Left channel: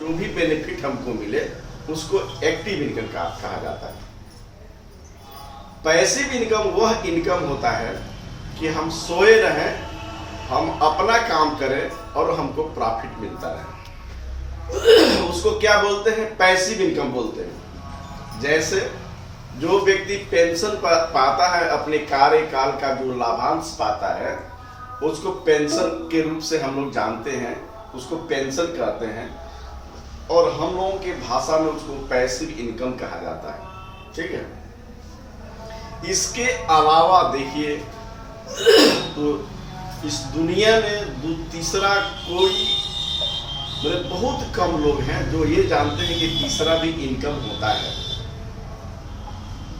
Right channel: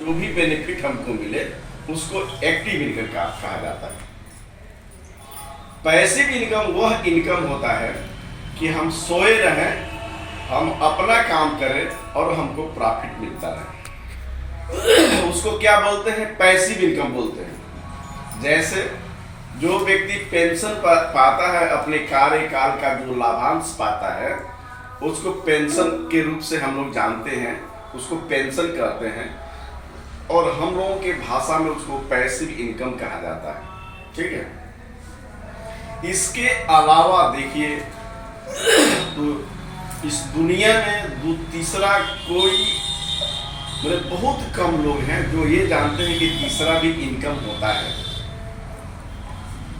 जो भी बेनिफिट हमको मिले उसको एक्टिव इनकम कहा जाता है। पैसिव इनकम वह इनकम होता है कि हम सोए रहें, हम अपना काम करें और हमको प्रॉफिट मिलता रहे, उसको क्या बोलते हैं? पैसिव इनकम बोलते हैं। जैसे जो व्यक्ति पेंशन पाता है, अपने कार्यकाल का जो लाभांश पाता है उसको पेंशन के रूप से हम लोग जानते हैं, उसको पेंशन कहते हैं और हम लोगों की भाषा में उसको पैसिव इनकम कहा जाता है। ठीक है। इसके अलावा देखिए तो इस दुनिया में तीसरा कोई मतलब बहुत कम लोग हैं जो ये जानते हैं कि तीसरा भी इनकम होता है।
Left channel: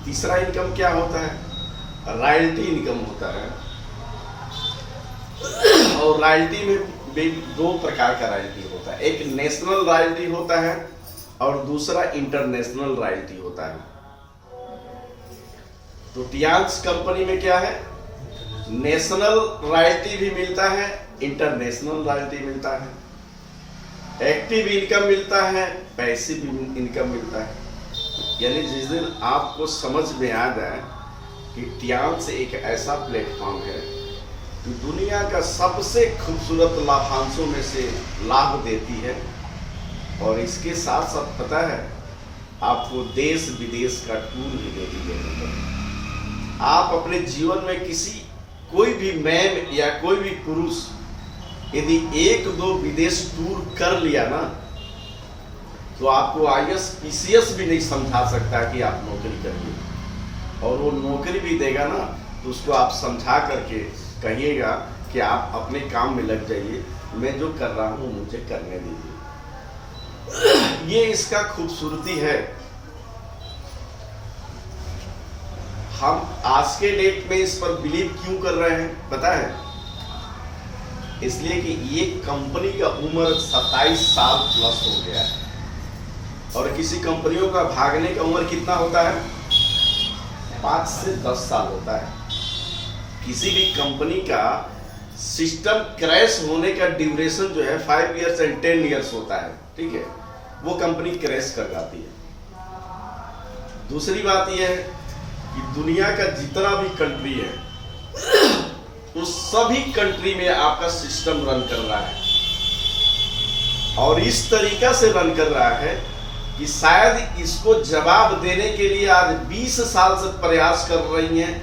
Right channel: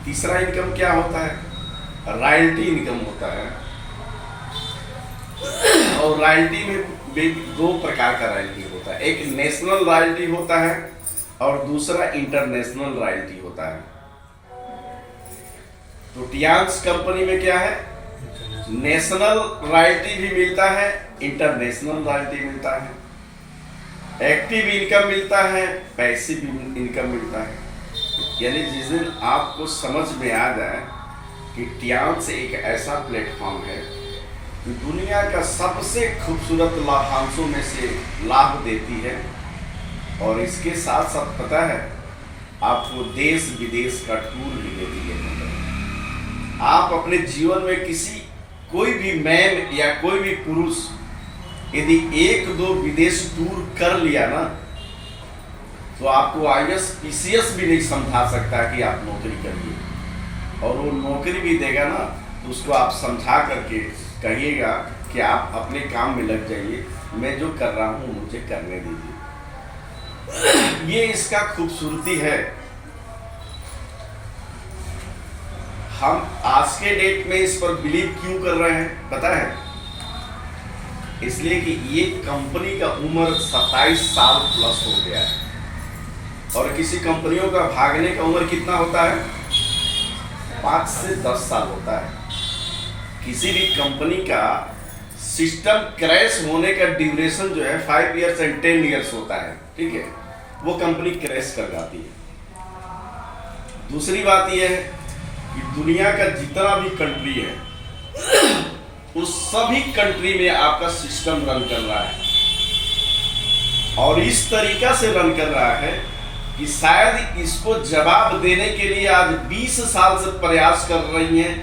तीसरा इनकम क्या होता है? रॉयल्टी इनकम होता है। और रॉयल्टी में दो प्रकार का रॉयल्टी होता है, एक नेशनल रॉयल्टी होता है और दूसरा इंटरनेशनल रॉयल्टी होता है। तो टियांस कंपनी में क्या है? नेशनल रॉयल्टी भी मिलता है, इंटरनेशनल रॉयल्टी मिलता है, एक्टिव इनकम मिलता है, पैसिव इनकम मिलता है। यानी जिस दिन आपको समझ में आ जाए कि टियांस एक ऐसा प्लेटफॉर्म है कि दुनिया का सबसे खूबसूरत लाभांशों में से लाभ देती है और इसके साथ साथ पता है आपको देश विदेश का टूर भी देती है। आप अपने जीवन में कोई भी मैन या कोई भी पुरुष यदि 1-2 विदेश टूर कर लिया ना तो आपको IAS PCS भी नहीं समझा सकता कि आप नौकरी करिए, और वो नौकरी भी देगा ना तो उसको आप समझा करके कहिएगा कि आप अपने काम में लग जाइए, मैं जो कर रहा हूँ मुझे करने दीजिए। ये इसका खूबसूरती है। हम आज के डेट में इस पर बिलीव क्यों कर रहे हैं पता है? इसलिए कि ये कंपनी का उम्र 27 साल प्लस हो गया है और किसी कंपनियों का भागने का उम्र कितना होता है? 5 से 10 साल होता है। किसी भी कंपनी का सिस्टम क्रैश होने का ड्यूरेशन जो है 5 इयर्स एंड 10 इयर्स होता है। ठीक है, वो कंपनी क्रैश कर जाती है। दूसरी बात यह है कि दुनिया का जितना भी कंट्री है उस सभी कंट्री में आपका सिस्टम रन कर रहा है और इस तरीका से रन कर रहा है कि शायद इसको जवाब देने के लिए आज 20 साल से प्रयास कर रही हैं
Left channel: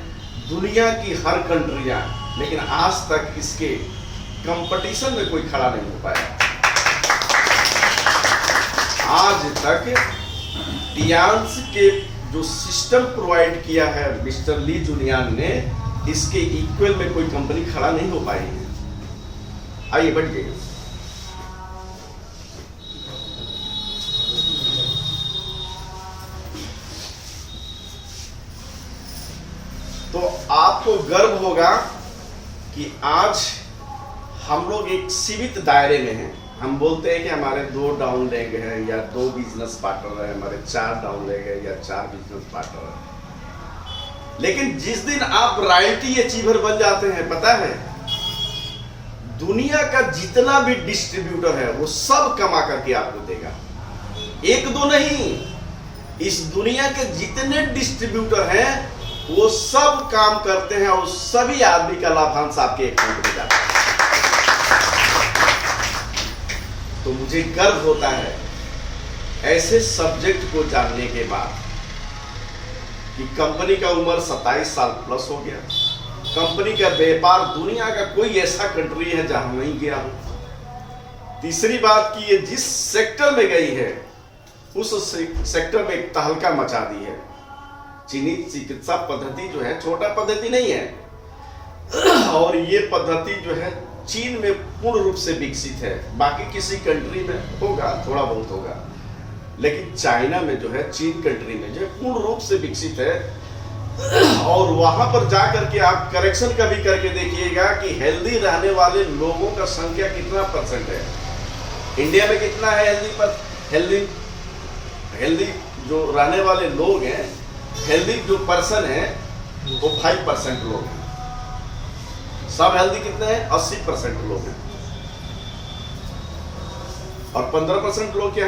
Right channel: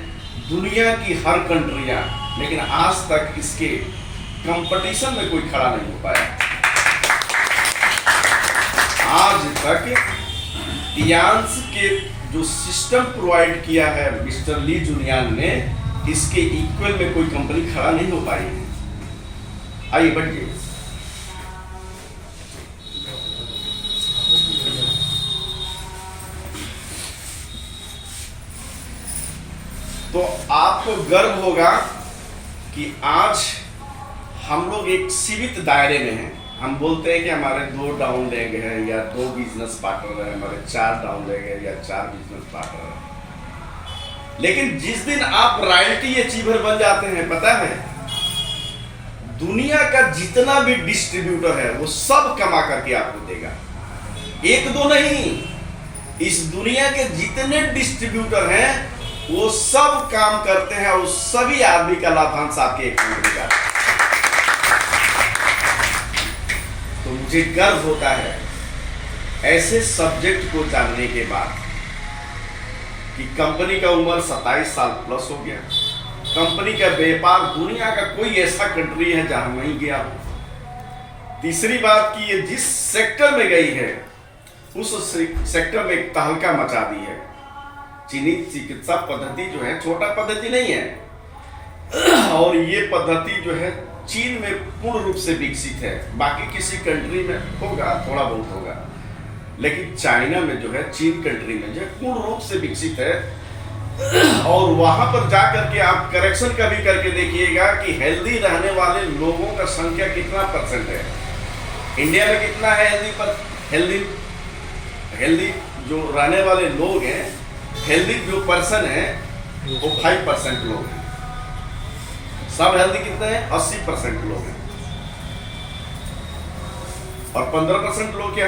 दुनिया की हर कंट्रियां, लेकिन आज तक इसके कंपटीशन में कोई खड़ा नहीं हो पाया। आज तक टियांस के जो सिस्टम प्रोवाइड किया है मिस्टर ली जुनियान ने, इसके इक्वल में कोई कंपनी खड़ा नहीं हो पाई है। आइए बढ़िए। तो आपको गर्व होगा कि आज हम लोग एक सीमित दायरे में हैं। हम बोलते हैं कि हमारे 2 डाउन लेग हैं या 2 बिजनेस पार्टनर हैं, हमारे 4 डाउन लेग हैं या 4 बिजनेस पार्टनर हैं। लेकिन जिस दिन आप रॉयल्टी अचीवर बन जाते हैं पता है दुनिया का जितना भी डिस्ट्रीब्यूटर है वो सब कमा करके आपको देगा। 1-2 नहीं, इस दुनिया के जितने डिस्ट्रीब्यूटर हैं वो सब काम करते हैं और सभी आदमी का लाभांश आपके अकाउंट में जाता है। तो मुझे गर्व होता है ऐसे सब्जेक्ट को जानने के बाद कि कंपनी का उम्र 27 साल प्लस हो गया। कंपनी का व्यापार दुनिया का कोई ऐसा कंट्री है जहां नहीं गया हो। तीसरी बात कि ये जिस सेक्टर में गई है उस सेक्टर में एक तहलका मचा दी है। चीनी चिकित्सा पद्धति जो है छोटा पद्धति नहीं है और ये पद्धति जो है चीन में पूर्ण रूप से विकसित है। बाकी किसी कंट्री में होगा, थोड़ा बहुत होगा, लेकिन चाइना में जो है, चीन कंट्री में जो है पूर्ण रूप से विकसित है। और वहां पर जाकर के आप करेक्शन कभी करके देखिएगा कि हेल्दी रहने वाले लोगों का संख्या कितना % है। इंडिया में कितना है हेल्दी जो रहने वाले लोग हैं, हेल्दी जो पर्सन है वो 5% लोग हैं। सब हेल्दी कितने हैं? 80% लोग हैं और 15% लोग क्या